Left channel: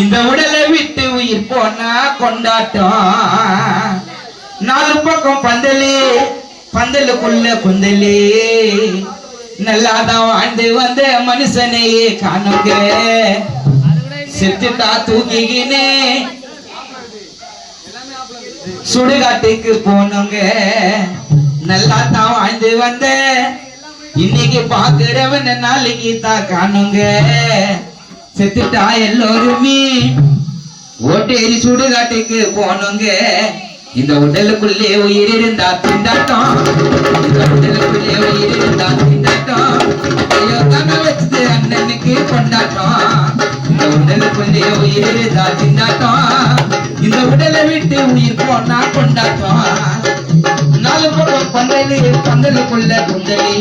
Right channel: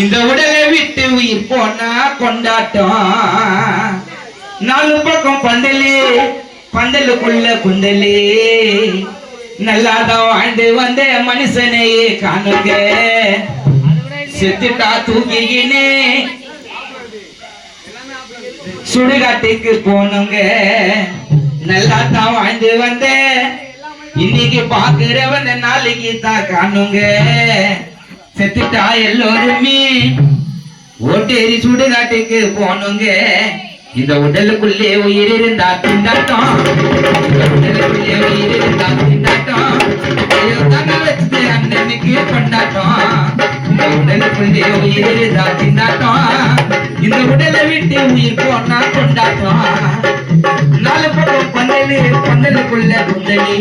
இந்த உடலை விட்டு உயிர் போனா கொண்டாட்டம். நாலு பக்கம் பந்தலே, பந்தலுக்குள்ள குந்தலே, நல்லாதான் வாழ்ந்து வந்த மனுஷனையே காணுங்க. செத்துட்டா தூக்கிக்கினே சுடுகாட்டுக்கு போனோங்க. நல்லாதான் வாழ்ந்து வந்த இன்னைக்கு பாக்குறவன் நாளைக்கு தான் காணுங்க. செத்துட்டா எல்லோருமே ஓட்டேரி சுடுகாட்டுக்கு போனோங்க. இந்த உடலுக்குள்ளே உயிர் இருந்தா திண்டாட்டம், இந்த உடலுக்குள்ளே உயிர் இருந்தா திண்டாட்டம். வச்சது அண்ணனுக்கு கொண்டாட்டம். இந்த உடலுக்குள்ளே உயிர் இருந்தா திண்டாட்டம். இந்த உடலை விட்டு உயிர் போனா கொண்டாட்டம். நாலு பக்கம் பந்தலு, பந்தலுக்குள்ள குந்தலி,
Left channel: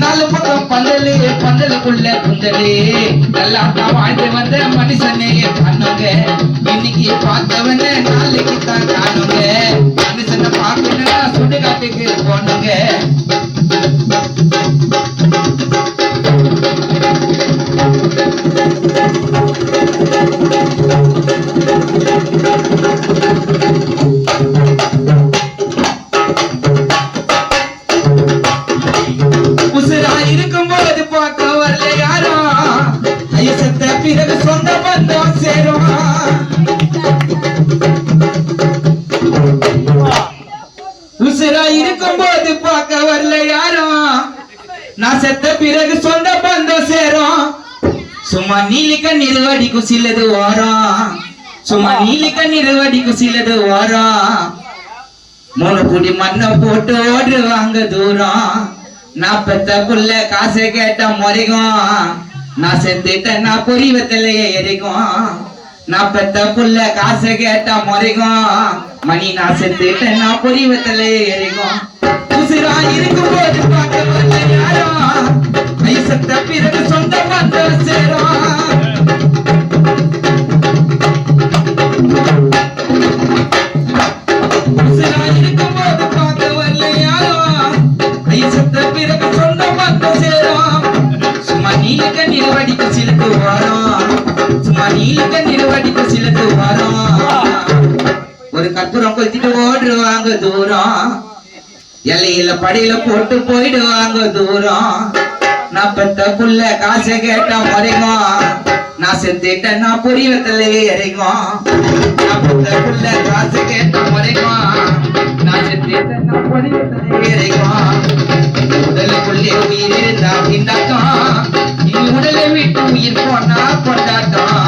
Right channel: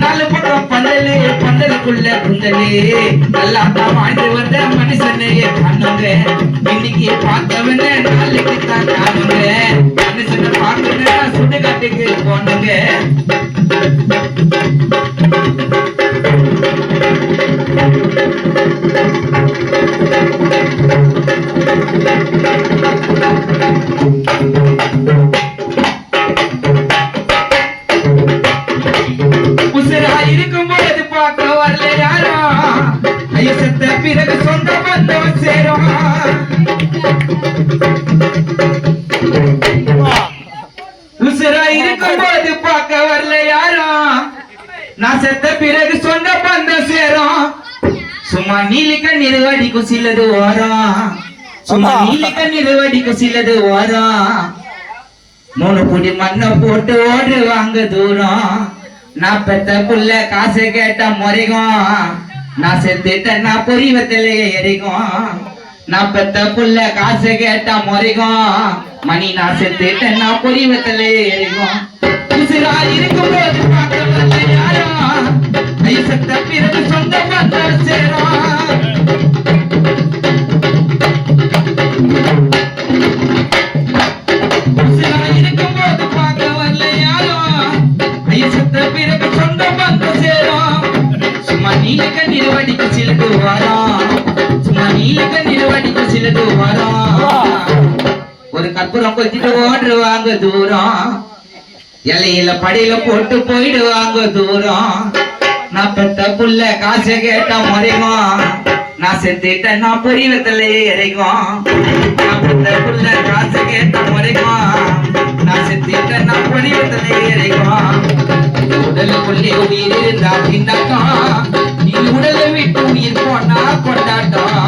நாலு பக்கம் பந்தலு, பந்தலுக்குள்ள குந்தலி, நல்லா தான் வாழ்ந்து வந்த மனுஷனையே காணுங்க. இன்னைக்கு பார்த்தவன நாளைக்கு தான் காணுங்க. மனுஷனை பார்க்கணும்னா சுடுகாட்டுக்கு போனுங்க. இருக்கும்போது பார்க்க வரல யாரோ, ஐயோ செத்த பிறகு சொந்த பந்தம் சேரும். உசுரா இருக்கும்போது பார்க்க வரல யாரோ, நான் செத்த பிறகு சொந்த பந்தம் சேரும். சும்மா நீலிக்க நிறுவடிக்கும் சிலது ஓரம், சும்மா நீலிக்க நிறுவடிக்கும் சிலது ஓரம். மூணு குடி மண்ணை போட்டு ஓடுவாங்க தூரம். நான் பெத்த புள்ள காசை கேட்டா முறைக்கும், நான் செத்துட்டேன்னா பொறிவத்திலேயே எரிக்கும். நான் பெத்த புள்ள காசை கேட்டா முறைக்கும், மணி நான் செத்துட்டேன்னா பொறிவத்திலேயே எரிக்கும். உசுரா இருக்கும் போது பார்க்க வரல யாரோ, ஐ செத்த பிறகு சொந்த பந்தம் சேரும். உசுரா இருக்கும் போது பார்க்க வரல யாரோ, ஐ செத்த பிறகு சொந்த பந்தம் சேரும். சும்மா நீலக்க நிறுவடிக்க சிலது வரும், சும்மா நீலக்க நிறுவடிக்க சிலது வரும். ஒரு கற்பூரம் கொத்திட்டு ஓடுவாங்க தூரம், எல்லையில படியில போட்டு போயிடுவாங்க தூரம். நான் பெத்த புள்ள காசை கேட்டா முறைக்கும், நான் செத்துட்டேன் நான் பொறிவத்திலேயே இறைக்கும். நான் பெத்த புள்ள காசை கேட்டா முறைக்கும், நான் செத்துட்டேன் நான் பொறிவத்திலேயே இறைக்கும். உடலுக்குள்ளே உயிர் இருந்தா திண்டாட்டம், நீ உடலை விட்டு உயிர் போனா கொண்டாட்டம்.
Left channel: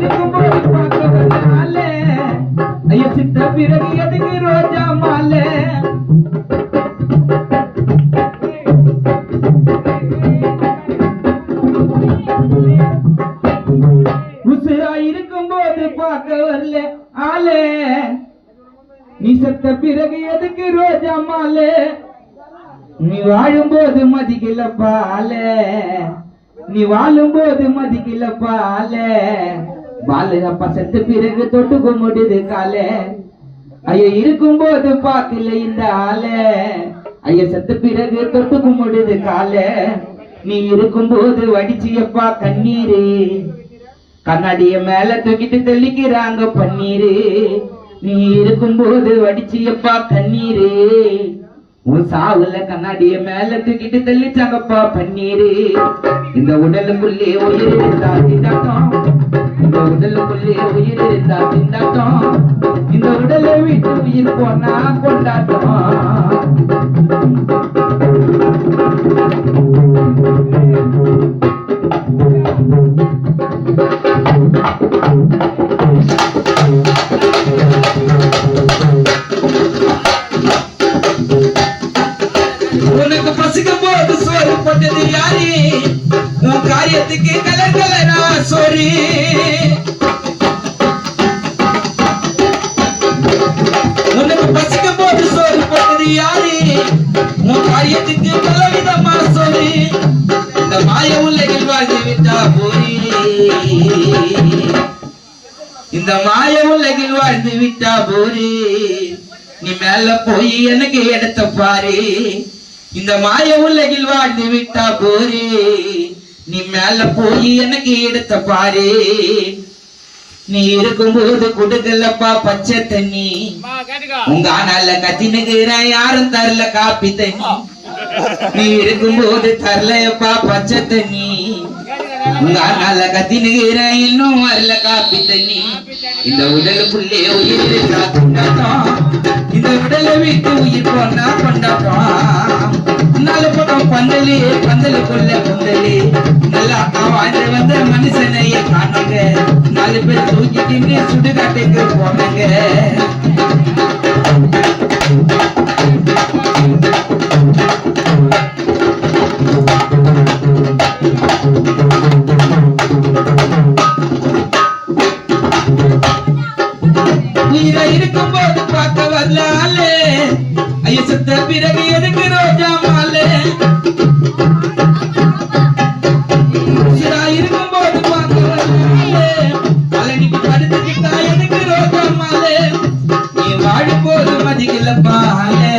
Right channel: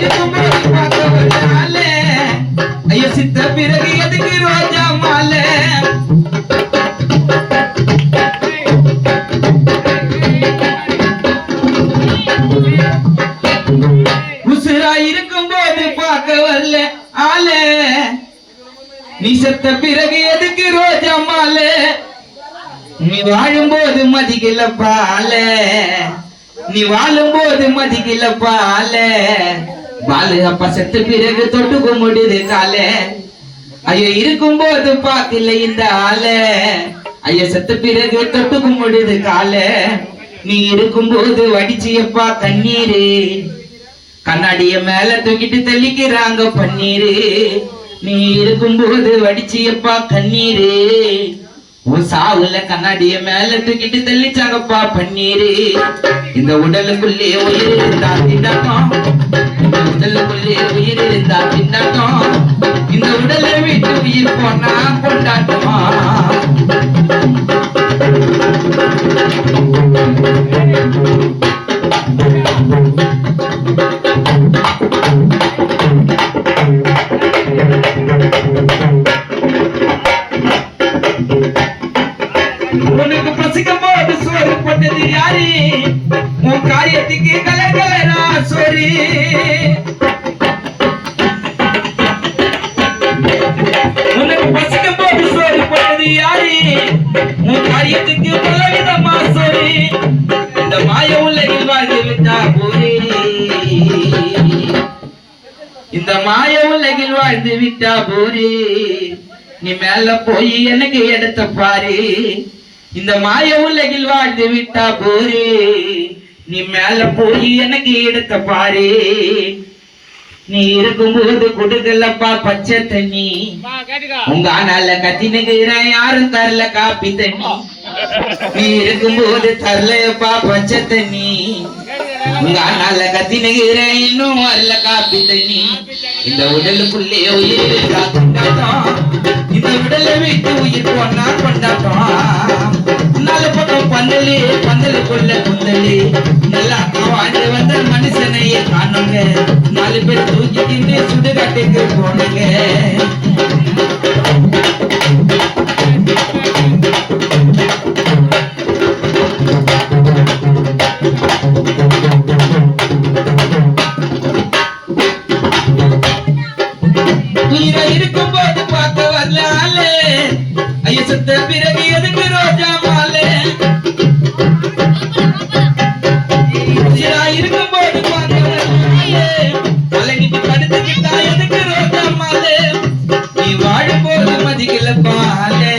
இருக்கும்போது பார்க்க வரல, ஐயோ சித்த பிறகு எதுக்கு ரோஜா மாலை. உசுரா இருக்கும்போது பார்க்க வரல ஆளே, நீ செத்த பிறகு எதுக்கு ரோஜா மாலை. நீ வாழும்போது மதிக்கல பால, நீ வாழும்போது மதிக்கல பால. பாலு அப்பா செத்த பிறகு தொட்டுக்க முடியுது கால. ஐயோ இருக்கும்போது பார்க்கல இந்த ஆள, ஐயோ செத்த பிறகு தொட்டுக்க முடியுது கால. நீ இருக்கும்போது வடிச்சியப்பா கண்ணீரு, கண்ணாடிய மேல தூக்கிட்டு தெளிக்கிறாங்க பன்னீரு. நீ இருக்கும்போது வடிச்சியப்பா கண்ணீரு, உன் சாவுல கண்ணாடிய மேல தூக்கிட்டு தெளிச்சாங்கப்பா பன்னீரு. இந்த உடலுக்குள்ளே உயிர் இருந்தா திண்டாட்டம், இந்த உடலுக்குள்ளே உயிர் இருந்தா திண்டாட்டம். இந்த உடலை விட்டு உயிர் போனா கொண்டாட்டம். உனக்கு பசிக்கும் போது சோறு போட்டது யாரு, உன் காரியத்துக்கு கலர் கலரா சோறு. உனக்கு பசிக்கும் போது சோறு போட்டது யாரு, உன் காரியத்துக்கு பலவிதமா சோறு. இந்த மாய இந்த மாய உலகில் வாழ்ந்து விட்டா போரே நீ மேல போய் எனக்கு எடுத்த பாரு இந்த மாய உலகில் வாழ்ந்து விட்டா போரே நீ மேல போய் எனக்கு எடுத்த பாரு நீ இருக்கும்போது கொடுக்கலப்பா பச்சை தண்ணி உங்க ஆனால கத்தினுகிற யாரும் தரல காப்பி தண்ணி நீ இருக்கும்போது தரலப்பா பச்சை தண்ணி உங்க ஆனால கத்தினுகிற இன்னும் வரல காப்பி தண்ணி இந்த உடலுக்குள்ளே உயிர் இருந்தா கொண்டாட்டம் இந்த உடலை விட்டு உயிர் போனா கொண்டாட்டம் நாலு பக்கம் பந்தலு பந்தலுக்குள்ள கொந்தலு நல்லா வாழ்ந்து வந்த மனுஷனையே காணுங்க நாலு பேர் தூக்கி தின்னு சுடுகாட்டுக்கு போனாங்க உயிரை இருக்கும் போது பார்க்க வரலாலே ஐய செத்த பிறகு எதுக்கு ரோஜா மாலே உயிரா இருக்கும் போது பார்க்க வரலாலே அலைஞ்சிட்டு படுத்துக்கிட்டா எதுக்கு ரோஜா மாலே நீ வாழும் போது மதிக்கல பாலே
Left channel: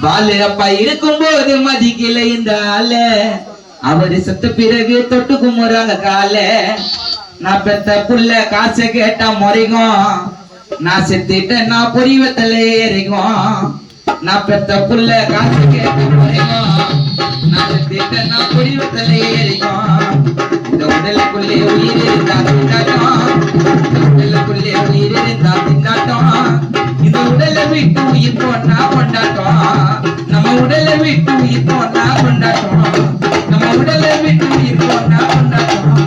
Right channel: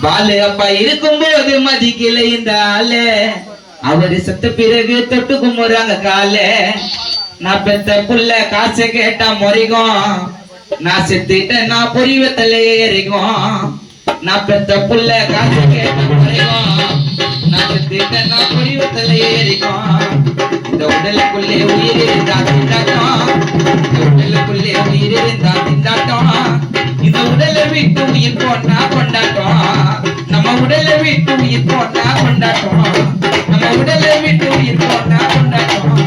பாலு அப்பா இருக்கும் போது மதிக்கல இந்த ஆளே அவரு செத்த பிறகு தொட்டு கும்புறாங்க காலே நான் பெத்த புள்ள காசை கேட்டா முறைக்கும் நான் செத்துட்டேன் நான் புரிவத்துல ஏறிக்கும் நான் பெத்த புள்ள காசை கேட்டா முறைக்கும் நான் செத்துட்டேன் நான் புரிவத்துல ஏறிக்கும் இந்த உடலுக்குள்ளே உயிர் இருந்தா திண்டாட்டம் இந்த உடலுக்குள்ளே உயிர் இருந்தா திண்டாட்டம் இந்த உடலை விட்டு உயிர் போட்டா கொண்டாட்டம் நம்ம உடலை விட்டு உயிர் போட்டா கொண்டாட்டம் நம்ம உடலை விட்டு உயிர் போட்டா கொண்டாட்டம்